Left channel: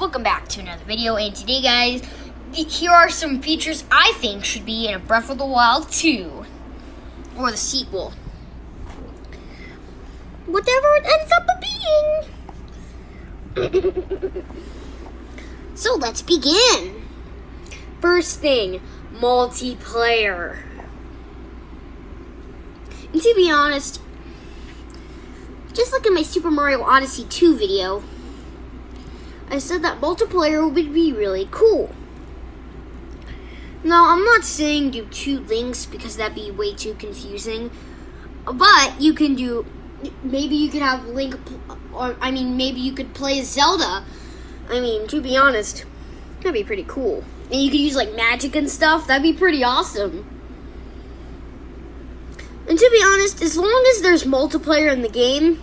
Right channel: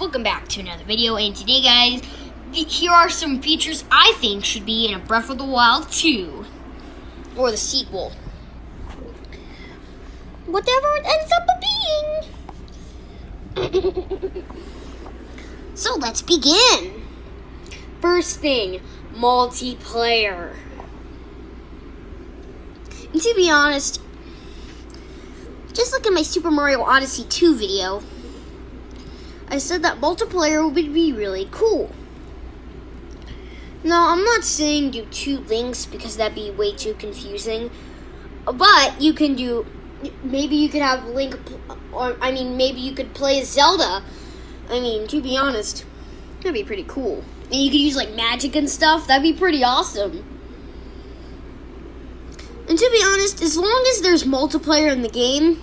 welcome back to another video, and today guys, here are some features I think should be in a Breath of the Wild 2, or the sequel. Whatever it ends up being. So let's begin. First thing, multiplayer. And to be honest, just look at my Super Mario Odyssey 2 video. I said that multiplayer would be really cool. Now, I'm not saying do two links because that'd be way too confusing. But you can do, maybe you could have Link, maybe you could play as Zelda. To be honest, that'd be pretty cool. And you could use like magic and stuff. That'd be pretty awesome. And to be honest, as long as there's multiplayer in the game,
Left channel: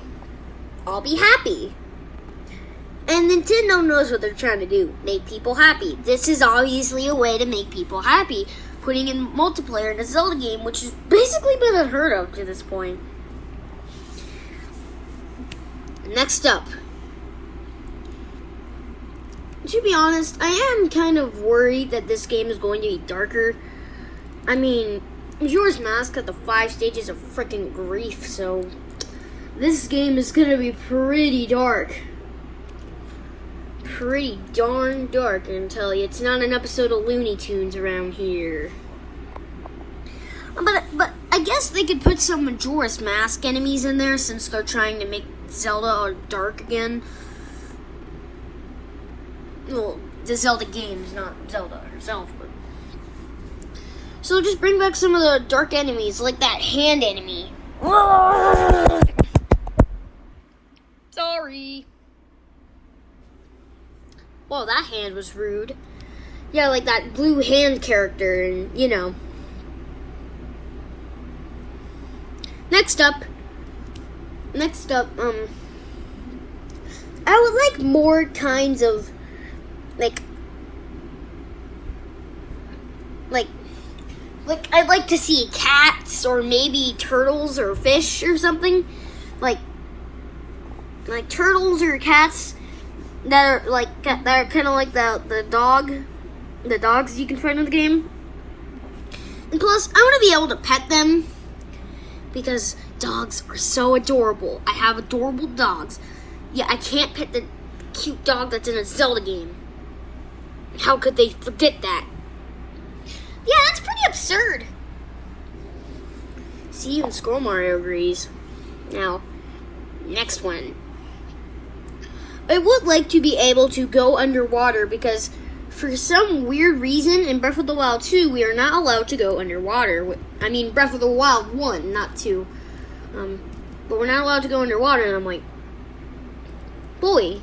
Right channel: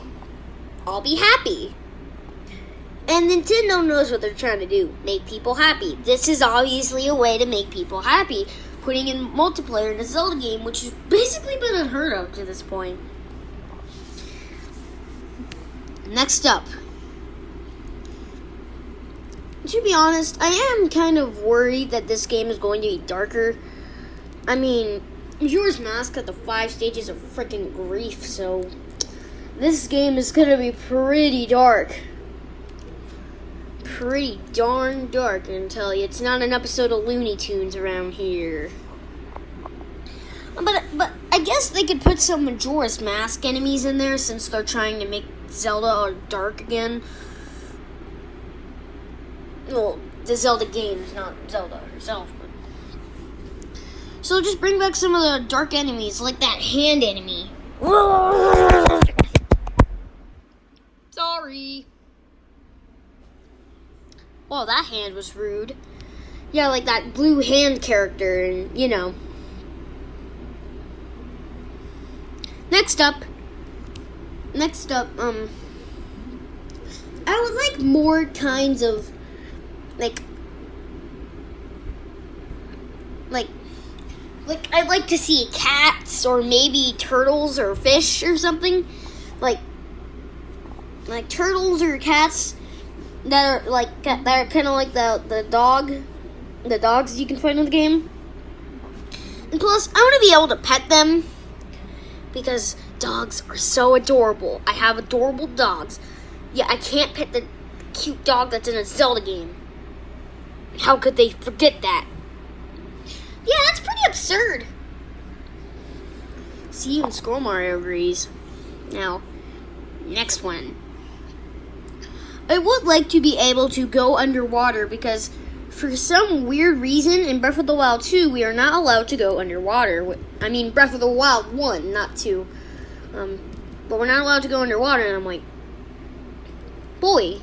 I'll be happy. And Nintendo knows what they're trying to do, make people happy. This is obviously a way to make people happy, putting in multiplayer in a Zelda game, which has basically been unheard of to this point. Next up. To be honest, I am kind of worried that this game is going to be darker. Majora's Mask had the 5 stages of freaking grief, so this game is going to be pretty dark. Pretty darn dark, I can tell you. It's not an episode of Looney Tunes around here. But I guess they could put some Majora's Mask enemies in there since they're trying to make Zelda dark again. Well, the Zelda games, not Zelda herself. But. So just bring back some of the dark enemies, like that hand enemy. Sorry. Well, that hand was rude. Yeah, like that blue hand character, and you know. Next up, I would like more kinds of, like I'd like to see cats, or maybe turtles, or fish, or something. Like turtles or cats. That are kind of like the dogs you can find in the game. And plus, I want to be able to pet them because dogs are so adorable. I have adorable dogs. Yeah, I can't pet the cute dog that's in a Zelda game. How could they forget that? Yeah, that's pretty absurd. See, even Scroll Mario agrees. Now, next one. I would like to be able to go underwater because for some weird reason in Breath of the Wild 2, we are not allowed to go underwater. Breath of the Wild 1, not 2. But we're not allowed to go underwater, and I'm like, boy,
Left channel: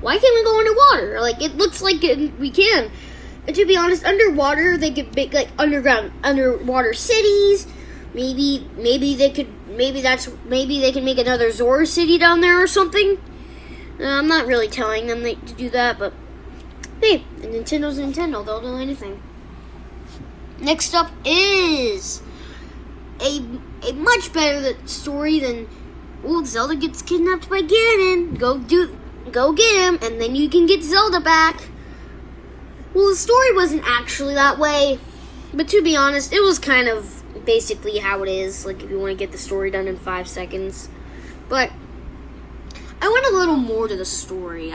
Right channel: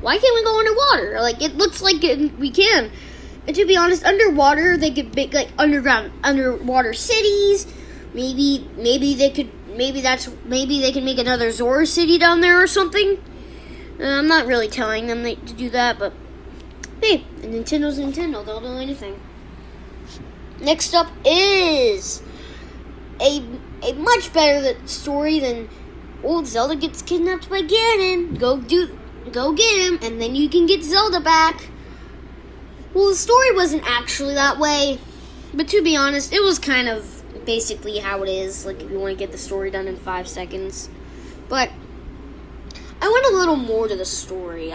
why can't we go underwater? Like, it looks like we can. And to be honest, underwater, they could make, like, underwater cities. Maybe they can make another Zora city down there or something. I'm not really telling them to do that, but hey, Nintendo's Nintendo, they'll do anything. Next up is a much better story than old Zelda gets kidnapped by Ganon. Go get him, and then you can get Zelda back. Well, the story wasn't actually that way, but to be honest, it was kind of basically how it is, like if you want to get the story done in 5 seconds. But I want a little more to the story.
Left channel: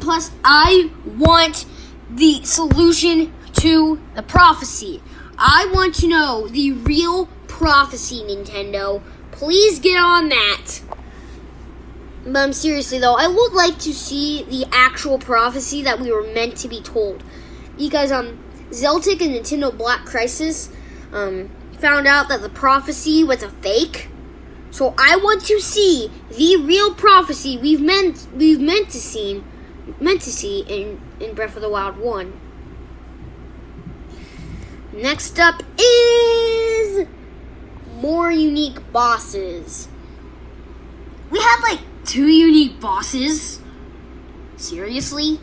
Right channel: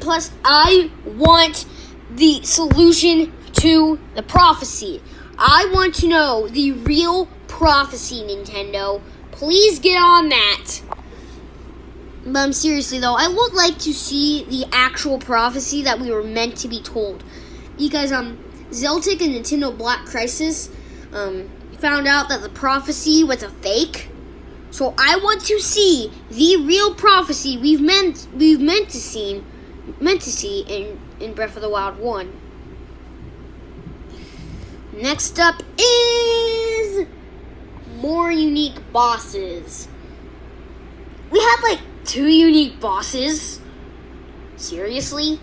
Plus, I want the solution to the prophecy. I want to know the real prophecy, Nintendo. Please get on that. But seriously though, I would like to see the actual prophecy that we were meant to be told. Because Zeltic and Nintendo Black Crisis found out that the prophecy was a fake. So I want to see the real prophecy we've meant to see in Breath of the Wild 1. Next up is more unique bosses. We have like 2 unique bosses. Seriously?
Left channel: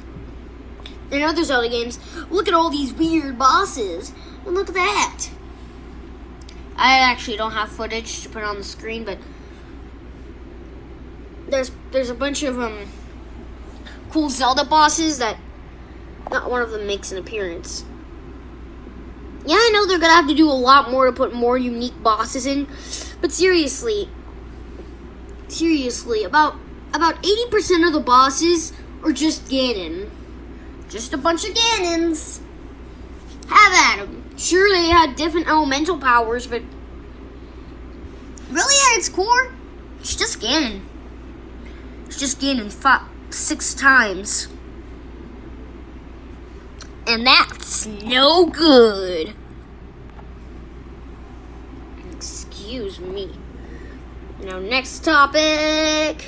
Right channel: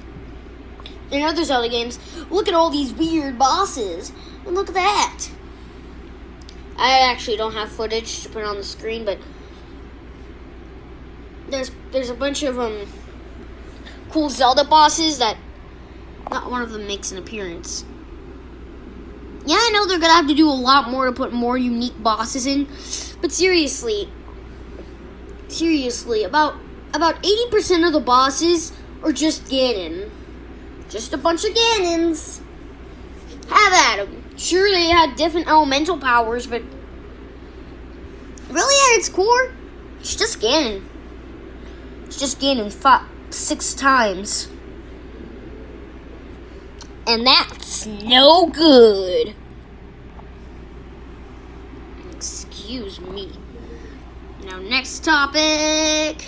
In other Zelda games, look at all these weird bosses. And look at that. I actually don't have footage to put on the screen, but there's a bunch of cool Zelda bosses that not one of them makes an appearance. Yeah, I know they're gonna have to do a lot more to put more unique bosses in, but seriously, about 80% of the bosses are just Ganon. Just a bunch of Ganons. Have at them. Sure, they had different elemental powers, but really at its core, it's just Ganon. It's just Ganon fought 6 times. And that's no good. Excuse me. Now, next topic.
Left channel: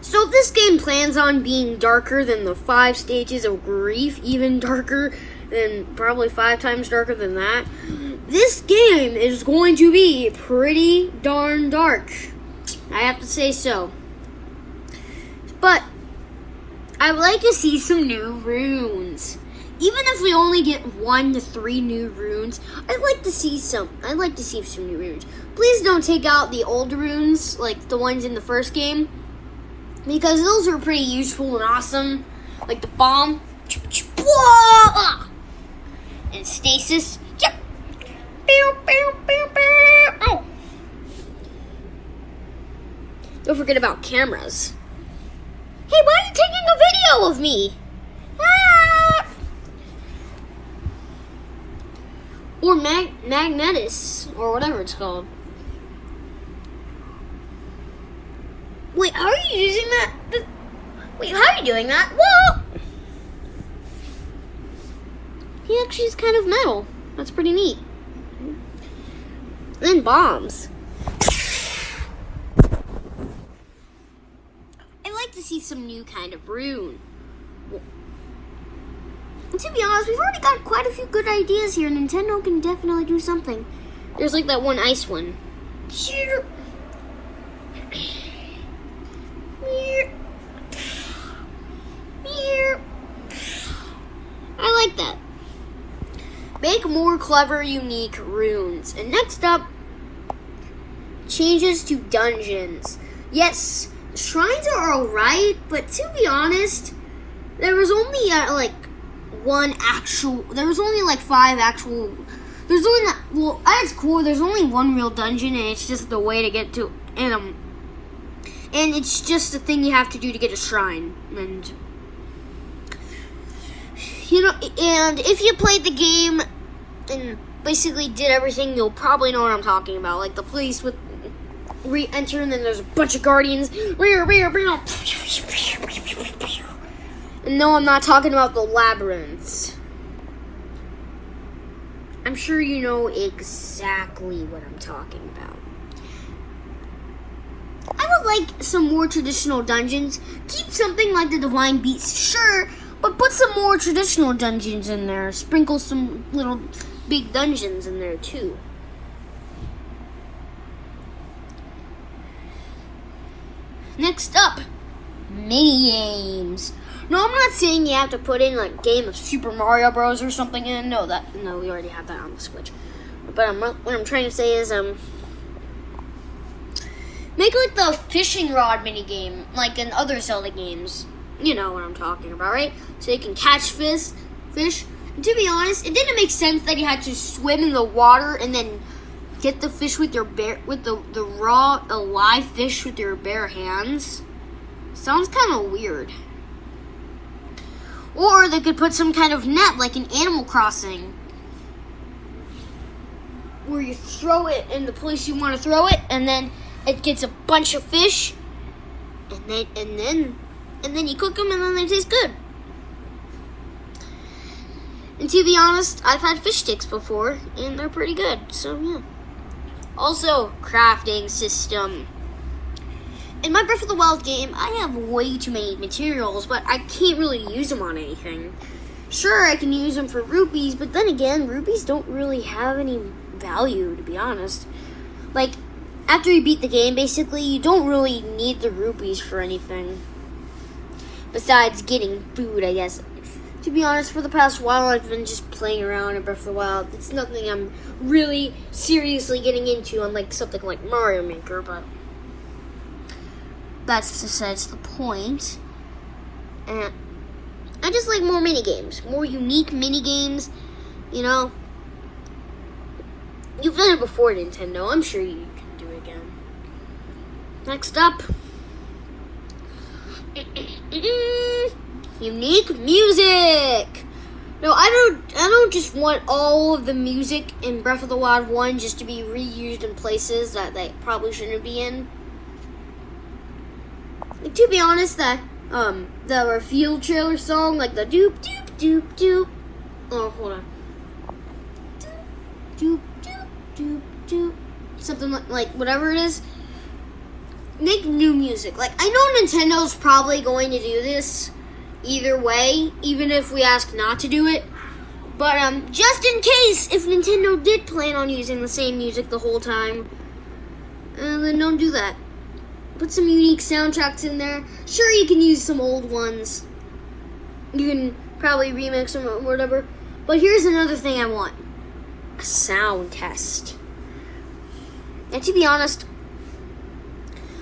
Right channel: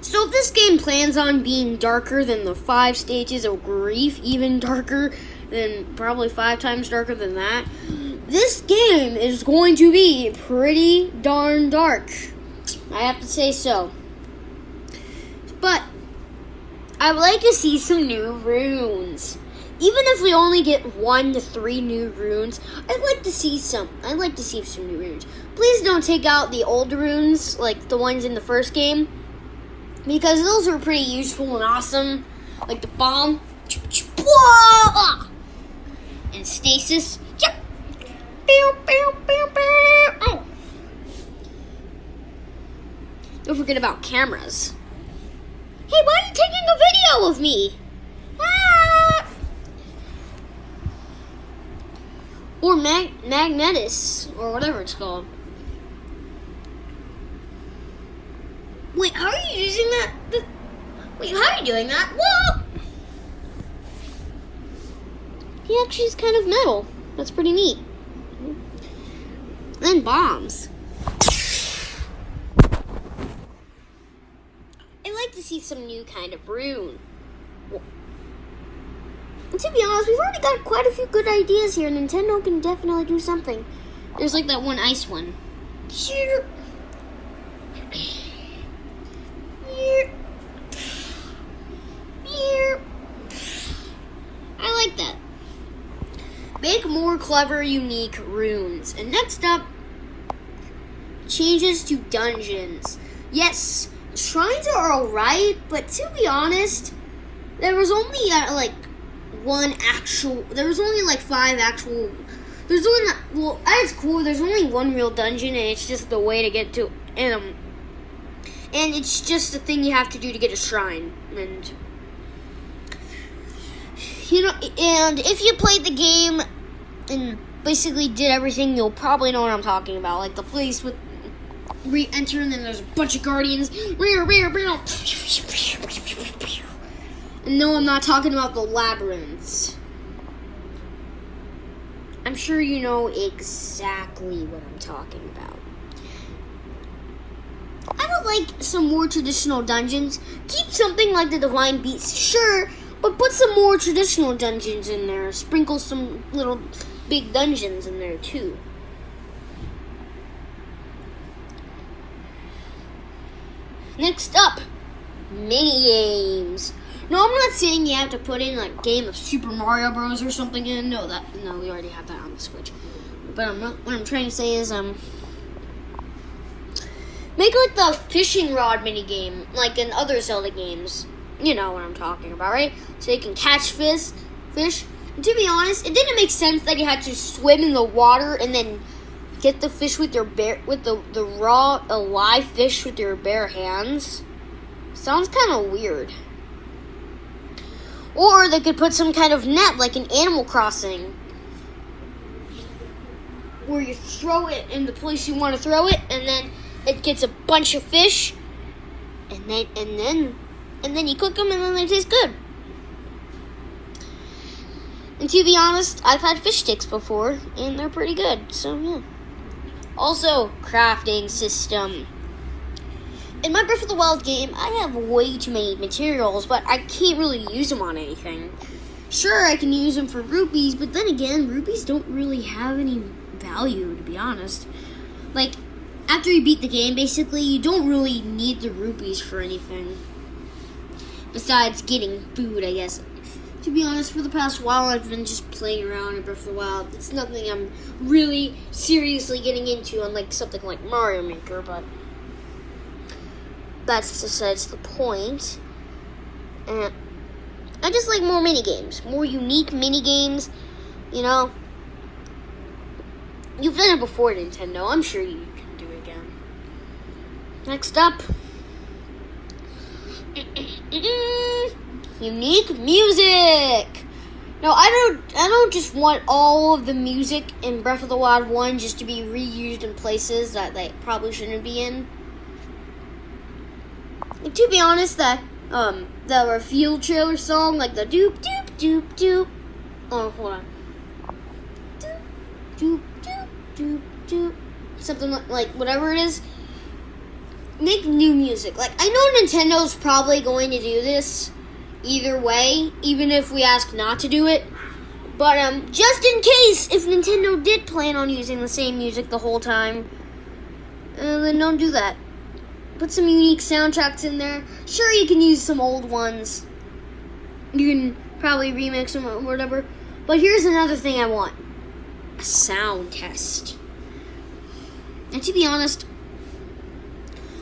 So, if this game plans on being darker than the 5 stages of grief, even darker than, probably 5 times darker than that, this game is going to be pretty darn dark. I have to say so. But I'd like to see some new runes. Even if we only get 1 to 3 new runes, I'd like to see some new runes. Please don't take out the old runes, like the ones in the first game, because those are pretty useful and awesome. Like the bomb and stasis. Oh. Don't forget about cameras. Hey, why are you taking a video of me? Ah! Or Magnetis, or whatever it's called. Wait, how are you using that? Wait, how are you doing that? Whoa! He actually is kind of metal. That's pretty neat. Then bombs. I'd like to see some new kind of rune. And to be honest, we've already got quite a few good ideas here. Nintendo can definitely do something. There's like that one ice one. I like that. Make more clever, unique runes. And next up, changes to dungeons. Yes, shrines are alright, but to be honest, there was only there was only like 5 actual, there's only, well, at its core, there's only 1 real dungeon, and it's just the way to get to, and it's just the thing you have to do to get a shrine, and, you know, and if you played the game and basically did everything, you'll probably know what I'm talking about, like the place with re-enter, and then there's a bunch of guardians, no, I'm not talking about the labyrinths. I'm sure you know exactly what I'm talking about. I would like some more traditional dungeons. Keep something like the Divine Beast, sure, but put some more traditional dungeons in there. Sprinkle some little big dungeons in there too. Next up, mini games. No, I'm not saying you have to put in like game of Super Mario Bros. Or something in. No, we already have that on the Switch. But what I'm trying to say is, make like the fishing rod mini game, like in other Zelda games. You know what I'm talking about, right? So you can catch fish. And to be honest, it didn't make sense that you had to swim in the water and then get the fish with your the raw alive fish with your bare hands. Sounds kind of weird. Or they could put some kind of net, like in Animal Crossing, where you throw it in the place you want to throw it, and then it gets a bunch of fish, and then you cook them, and then they taste good. And to be honest, I've had fish sticks before, and they're pretty good. So yeah. Also, crafting system. In my Breath of the Wild game, I have way too many materials, but I can't really use them on anything. Sure, I can use them for rupees, but then again, rupees don't really have any value, to be honest. Like, after you beat the game, basically, you don't really need the rupees for anything. Besides getting food, I guess. To be honest, for the past while, I've been just playing around in Breath of the Wild. It's nothing I'm really seriously getting into, unlike something like Mario Maker, but that's besides the point. And I just like more mini games, more unique mini games. You know, you've done it before, Nintendo. I'm sure you can do it again. Next up, unique music. No, I don't just want all of the music in Breath of the Wild 1 just to be reused in places that they probably shouldn't be in. And to be honest, the reveal trailer song, like the doop doop doop doop. Oh, hold on. Doop doop doop doop. Something like whatever it is. Make new music. Like, I know Nintendo's probably going to do this either way, even if we ask not to do it. But just in case, if Nintendo did plan on using the same music the whole time, then don't do that. Put some unique soundtracks in there. Sure, you can use some old ones. You can probably remix them or whatever. But here's another thing I want. A sound test. And to be honest,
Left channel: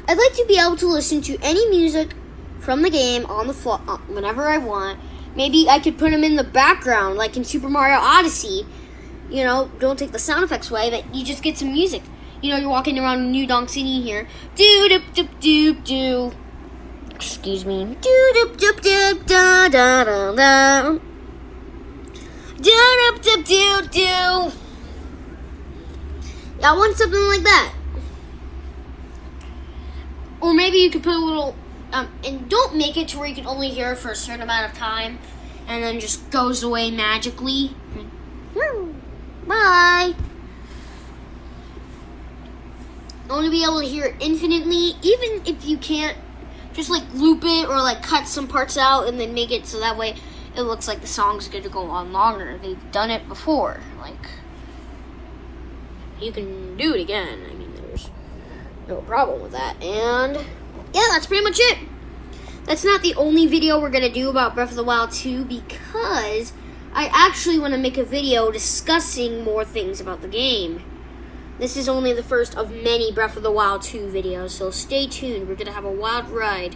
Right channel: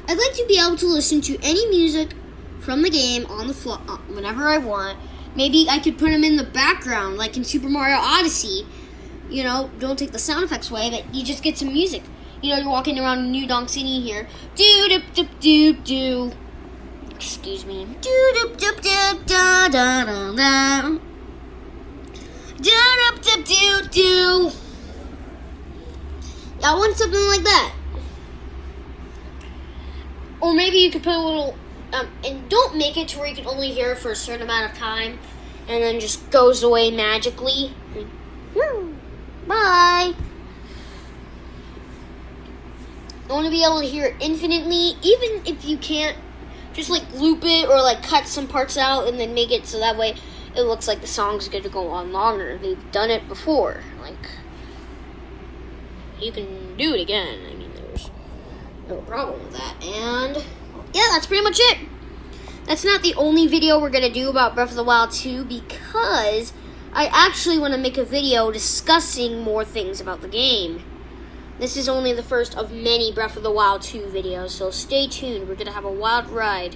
I'd like to be able to listen to any music from the game on the fly, whenever I want. Maybe I could put them in the background, like in Super Mario Odyssey. You know, don't take the sound effects away, but you just get some music. You know, you're walking around New Donk City here. Doo doop doop doop doo. Excuse me. Doo doop doop doop da da da da. Doo doop doop doop doo. I want something like that. Or maybe you could put a little, and don't make it to where you can only hear it for a certain amount of time, and then just goes away magically. Bye. I want to be able to hear it infinitely, even if you can't just like loop it or like cut some parts out and then make it so that way it looks like the song's going to go on longer. They've done it before. Like, you can do it again. I mean, there's no problem with that. And yeah, that's pretty much it. That's not the only video we're going to do about Breath of the Wild 2 because I actually want to make a video discussing more things about the game. This is only the first of many Breath of the Wild 2 videos, so stay tuned. We're going to have a wild ride.